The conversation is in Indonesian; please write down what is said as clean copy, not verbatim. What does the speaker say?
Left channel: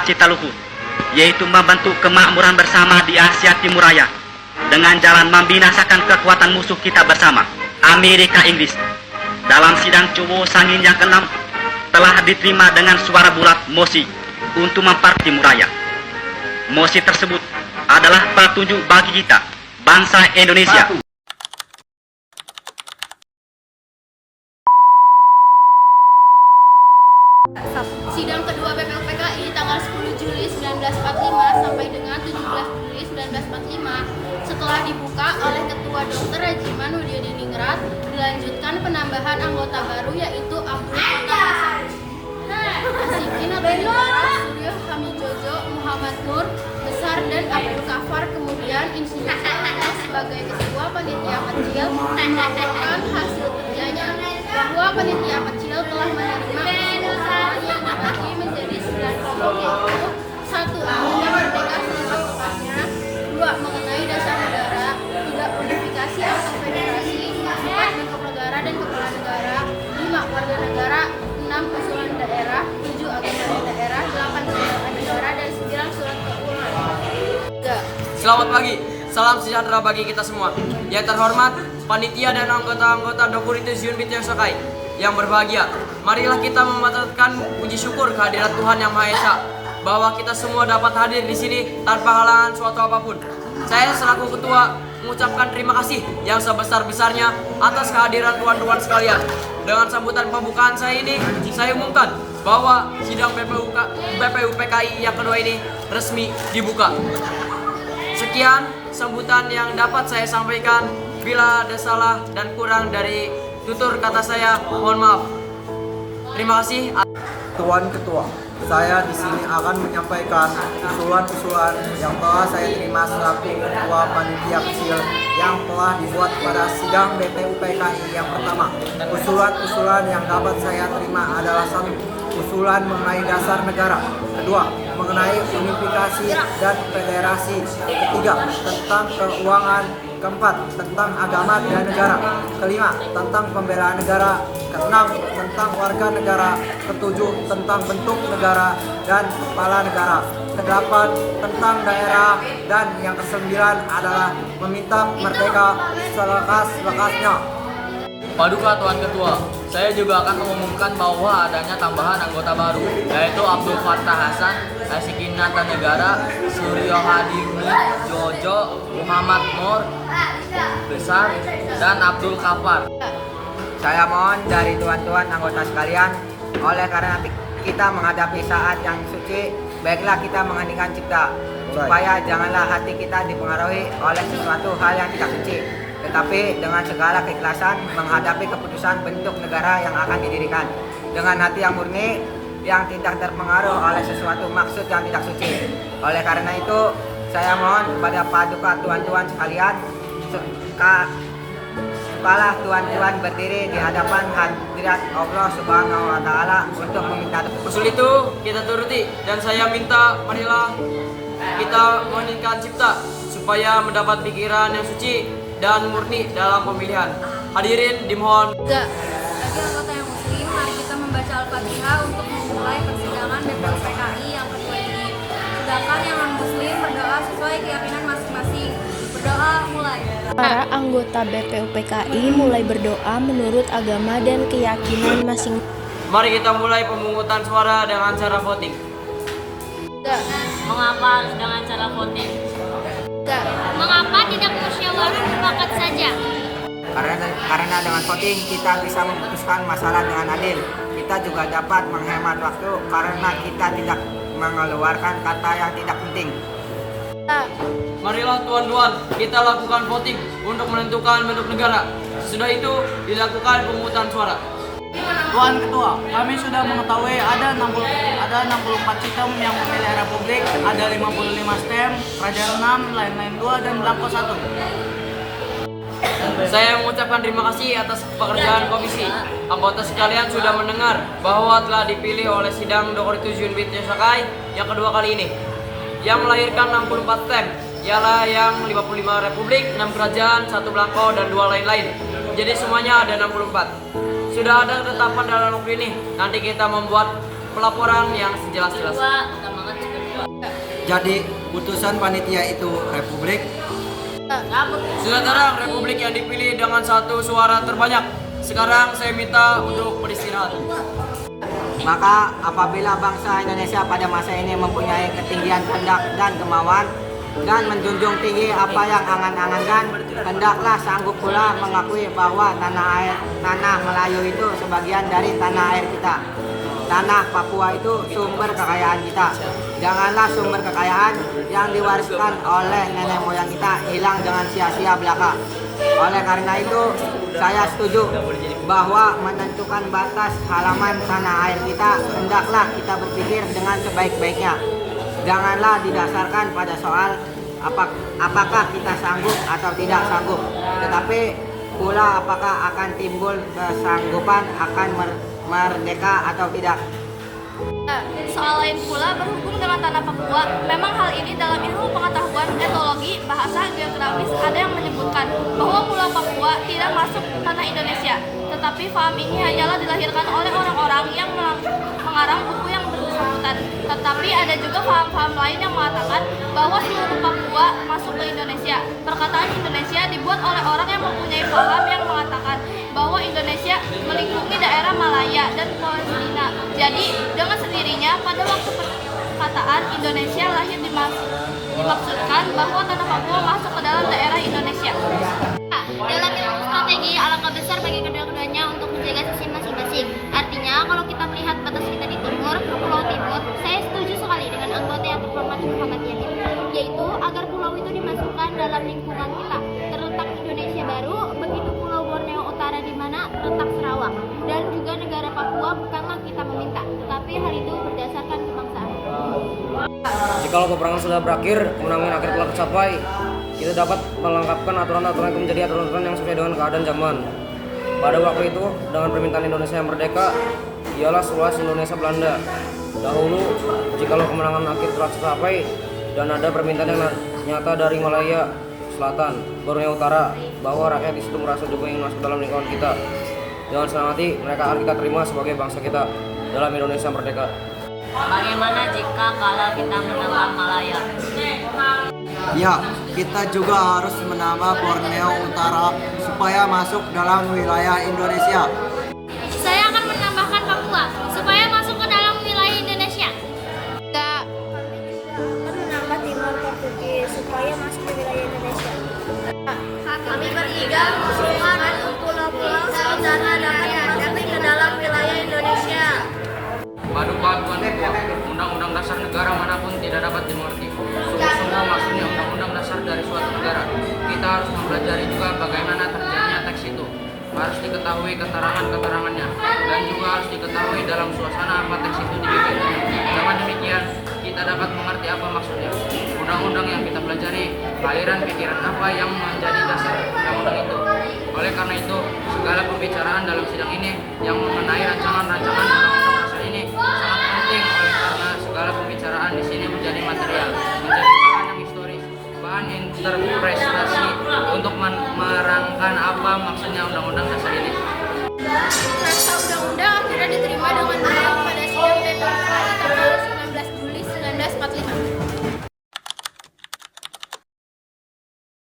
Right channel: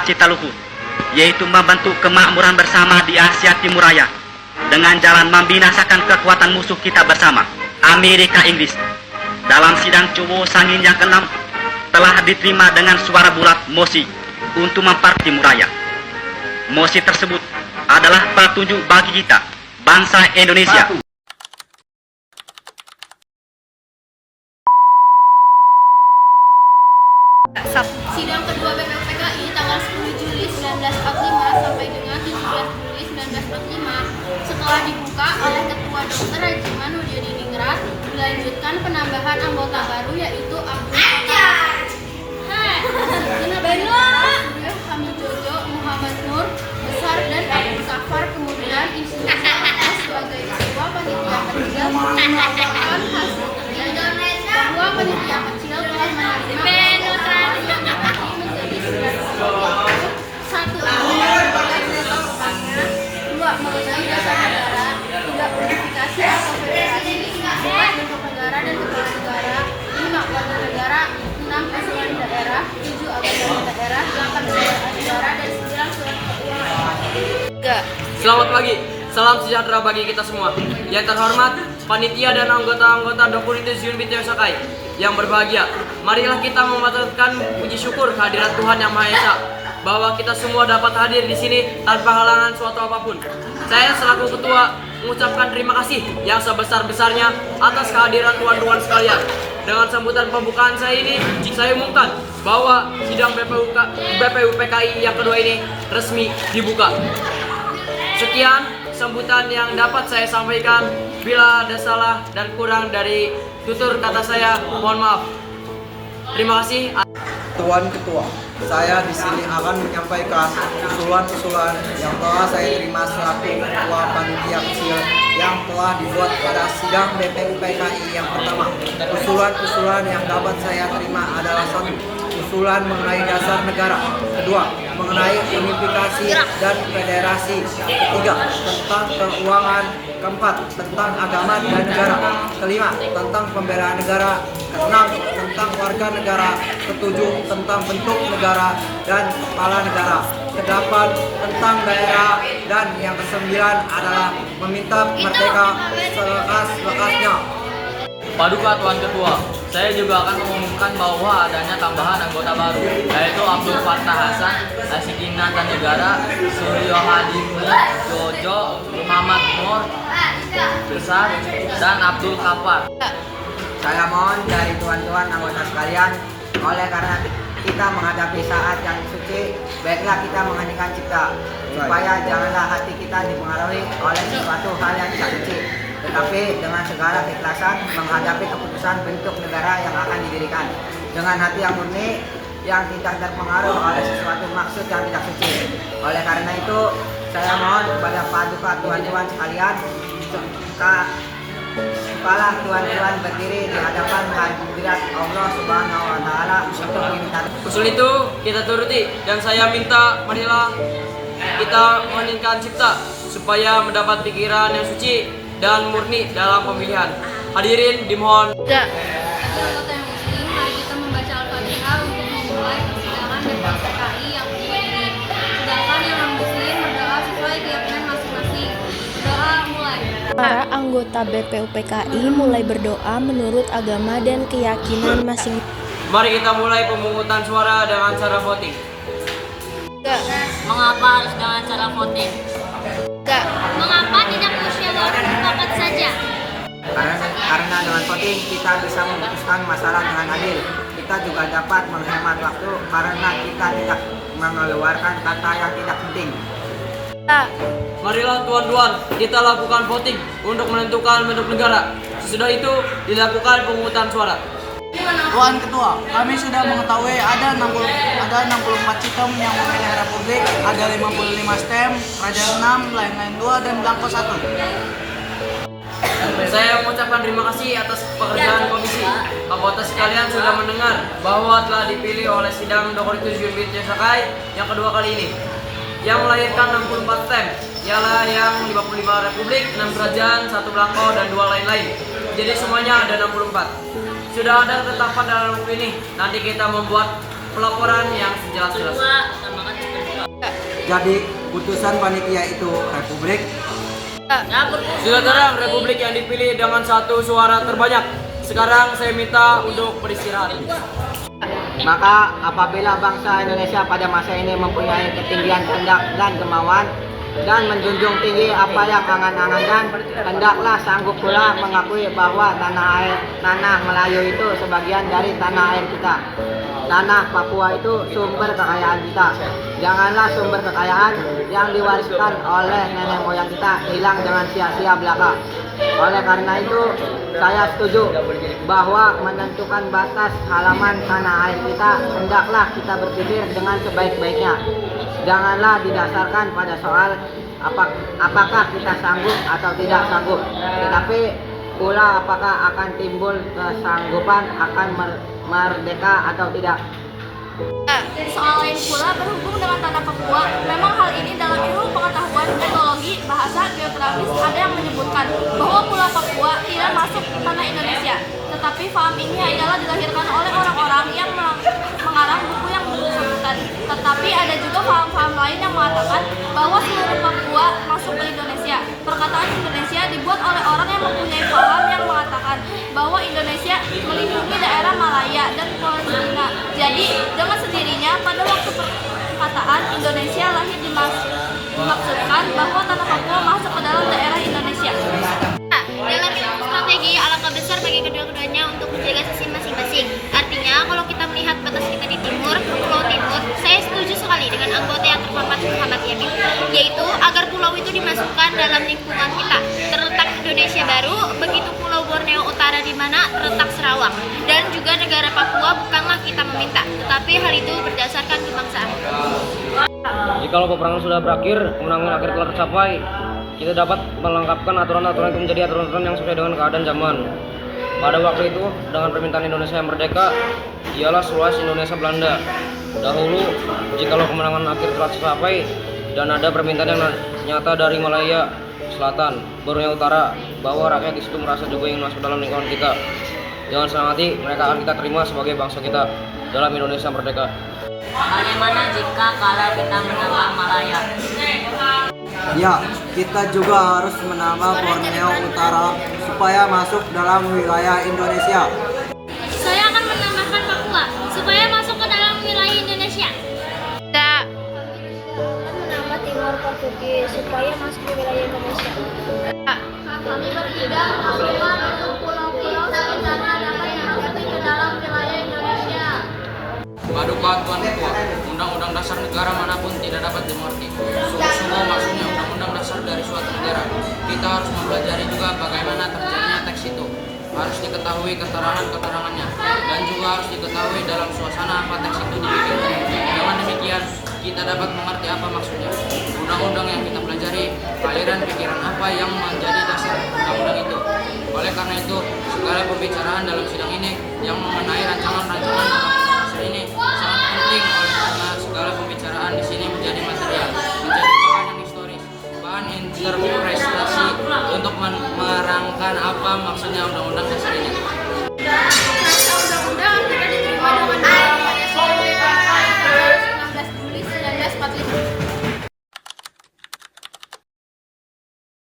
cita luhur, yaitu membentuk kemakmuran bersama di Asia Timur Raya dengan jalan membinasakan kekuatan musuh kita bersama, Amerika Inggris. Dalam sidang Cowo Sangin yang ke-6 telah diterima dengan suara bulat mosi untuk memperkuat Timur Raya. Mosi tersebut adalah petunjuk bagi kita, bangsa Indonesia. Sidang kedua BPUPKI tanggal 10 Juli 1945 sampai dengan 17 Juli 1945 setelah dibuka oleh Ketua Dr. Rajiman Hudiriningrat, dilanjutkan penambahan anggota baru yaitu Abdul Qadir, Asikin Abdullah, Suryo Hamijojo, Muhammad Nur Besar dan Abdul Kafar. Kemudian Insinyur Soekarno sebagai Ketua Panitia Kecil melaporkan hasil kerjanya bahwa panitia kecil telah menerima yang dibagi menjadi 9 kelompok, yaitu 1. Mengenai lepasnya, 2. Mengenai dasar negara, 3. Unifikasi atau federasi, 4. Bentuk negara dan kepala negara, 5. Warga negara, 6. Usulan daerah, 7. Agama daerah, 8. Surat negara, dan 9. Surat keuangan. Selamat pagi, salam sejahtera bagi kita semua. Yang terhormat, panitia dan anggota-anggota Dokuritus Yunbit Yosakai yang berbahagia, marilah kita memanjatkan puji syukur kehadirat Tuhan Yang Maha Esa bahwa kita semua dapat hadir di sini tanpa halangan suatu apapun. Saya selaku ketua mengucapkan terima kasih yang sebesar-besarnya atas kehadiran tuan-tuan sekalian. Dengan sambutan pembukaan saya ini, saya umumkan bahwa sidang BPUPKI yang kedua ini resmi dibuka. Sekian sambutan yang dapat saya sampaikan. Bila ada salah dan kurang dari tutur kata saya, mohon maaf. Terima kasih. Tuan Ketua, saya di sini akan menyampaikan usulan-usulan yang telah saya terima selaku Ketua Panitia Kecil yang telah dibuat pada sidang BPUPKI yang pertama. Usulan-usulan yang dapat saya terima adalah 1. Usulan mengenai dasar negara. 2. Mengenai unifikasi dan federasi. 3. Tentang keuangan. 4. Tentang agama dan negara. 5. Tentang pembelaan negara. 6. Tentang warga negara. 7. Tentang bentuk negara dan kepala negara. 8. Tentang daerah. Dan yang ke-9 adalah meminta merdeka selekas-lekasnya. Paduka Tuan Ketua, saya juga akan mengumumkan bahwa adanya tambahan anggota baru, yaitu Abdul Fattah Hasan, Asikin Negara, Suryo Hamijojo, Muhammad Nur Besar, dan Abdul Kafar. Saya mohon dari tuan-tuan anggota sekalian, oleh karena kita menghadapi saat yang suci, baiklah kita menghentikan cipta, supaya janganlah hati kita dipengaruhi oleh sesuatu hal yang tidak suci, tetapi dengan segala keikhlasan menghadapi keputusan bentuk negara yang akan didirikan dengan hati yang murni, yang tidak terpengaruh oleh sesuatu maksud yang tidak suci. Oleh karena itu, saya mohon kepada paduka tuan-tuan sekalian, kepala tuan-tuan berdiri di hadapan hadirat Allah Subhanahu wa Ta'ala untuk meminta. Usul itu kita turuti, dan saya minta marilah kita meningkatkan cipta supaya mendapat pikiran yang suci dan murni dalam pemilihan. Hadirin dimohon. Bagi anggota yang muslim, mari kita membaca Al-Fatihah untuk memulai persidangan BPUPKI yang kedua ini. Sedangkan yang non-muslim berdoa sesuai keyakinan masing-masing. Berdoa mulai. Para anggota BPUPKI mulai berdoa menurut agama dan keyakinan masing-masing. Mari kita mulai pemungutan suara dengan cara voting. Mengapa harus dengan cara voting? Mengapa tidak musyawarah mufakat saja? Karena dengan voting kita bisa memutuskan masalah dengan adil. Kita juga dapat menghemat waktu karena kita tidak mengeluarkan kata yang tidak penting. Marilah tuan-tuan, kita lakukan voting untuk menentukan bentuk negara. Sesudah itu dilakukan pemungutan suara. Tuan Ketua, kami sudah mengetahui ada 64 sistem yang memilih Republik, ada 55 stem, Kerajaan 6, lain-lain 2, dan Blanko 1. Saya mengucapkan terima kasih atas pekerjaan komisi. Anggota sekalian sudah mendengar bahwa telah dipilih oleh sidang Dokuritus Yunbit Yosakai yang kedua kali ini, yang melahirkan 64 stem, ialah yang 55 Republik, 6 Kerajaan, 1 Blanko, dan 2 lain-lain. Jadi semuanya ada 64. Sudah ada ketetapan dalam buku ini. Nanti kita membuat pelaporan yang sejelas-jelasnya. Jadi putusan panitia itu republik. Sudah terang republik yang dipilih dengan satu suara terbanyak. Sekarang saya minta untuk beristirahat. Maka apabila bangsa Indonesia pada masa ini mempunyai ketinggian kehendak dan kemauan dan menjunjung tinggi apa yang angan-angankan, hendaklah sanggup pula mengakui bahwa tanah Melayu itu sebagian dari tanah air kita. Tanah Papua itu sumber kekayaan kita. Janganlah sumber kekayaan yang diwariskan oleh nenek moyang kita hilang dengan sia-sia belaka. Oleh karena itu, saya setuju bahwa menentukan batas halaman tanah air kita hendaklah kita berpikir dengan sebaik-baiknya. Janganlah didasarkan pada soal apakah kita sanggup atau tidak sanggup, tetapi pula apakah akan timbul kesanggupan akan merdeka atau tidak. Soal lain pula berhubung dengan tanah Papua, memang hal ini dalam ilmu pengetahuan etnologi, bahasa, geografis ada yang menyebutkan bahwa Pulau Papua tidak masuk tanah Indonesia. Tetapi paham ini hanyalah dilahirkan oleh orang-orang yang mengarang buku yang bersangkutan. Tetapi ada juga paham-paham lain yang mengatakan bahwa seluruh Papua masuk ke Indonesia. Perkataan Indonesia dibuat oleh orang yang mempunyai paham yang mengatakan bahwa Indonesia melindungi daerah Malaya dan Palestina. Jadi dengan sendirinya pada waktu perkataan Indonesia lahir dimaksudkan bahwa tanah Papua masuk ke dalam daerah Indonesia. Dalam ilmu strategi, alangkah besar bagi kedua-duanya untuk menjaga sisi masing-masing. Artinya, kalau kita melihat batas kita di timur, Pulau Timur, saya setuju sekali dengan anggota yang terhormat Muhammad Yamin, yaitu agar pulau itu dimasukkan dalam lingkungan kita. Terletak Indonesia Baru, begitu Pulau Borneo Utara di mana terletak Sarawak, dan juga negara Papua bukanlah kita meminta, tetapi hal itu berdasarkan kebangsaan. Jikalau peperangan sudah berakhir, kemenangan akhir telah tercapai, kita dapat melengkapkan aturan-aturan itu menjadi aturan-aturan yang sesuai dengan keadaan zaman. Pada waktu itu, dengan permintaan Indonesia yang merdeka, ialah Sulawesi Indonesia Belanda. Dahulu, jikalau kemenangan akhir telah tercapai dan ada permintaan yang nyata dari Malaya Selatan, Borneo Utara, bahwa rakyat di situ merasa juga ingin masuk dalam lingkungan kita, dengan senang hati mereka akan kita terima sebagai bangsa kita dalam Indonesia merdeka. Bagaimana jika kalau kita menambah Malaya? Ya, kita juga harus menambah Borneo Utara supaya masuk dalam wilayah Indonesia. Saya akan menambahkan Papua supaya masuk ke dalam wilayah Indonesia. Akan menambah Timor Portugis supaya masuk ke wilayah Indonesia. Kami bertiga semua dan pulau-pulau sekitarnya dapat masuk ke dalam wilayah Indonesia. Paduka Tuan Ketua, Undang-Undang Dasar negara manapun tidak dapat dimengerti. Sungguh-sungguh maksudnya Undang-Undang Dasar dari suatu negara. Kita harus mempelajari juga bagaimana terjadinya teks itu. Harus diketahui keterangan-keterangannya dan juga harus diketahui dalam suasana apa teks itu dibikin. Dengan demikian, kita dapat mengerti apa maksudnya. Undang-undang yang kita pelajari, aliran pikiran apa yang menjadi dasar undang-undang itu. Oleh karena itu, segala pembicaraan dalam sidang ini yang mengenai rancangan-rancangan undang-undang dasar ini sangat penting oleh karena segala pembicaraan di sini menjadi material, menjadi bahan yang historis, bahan interpretasi untuk menerangkan apa maksudnya undang-undang dasar ini. Rasa undang-undang akhirnya diterima dengan undang-undang tanggal 16 Juli 1945.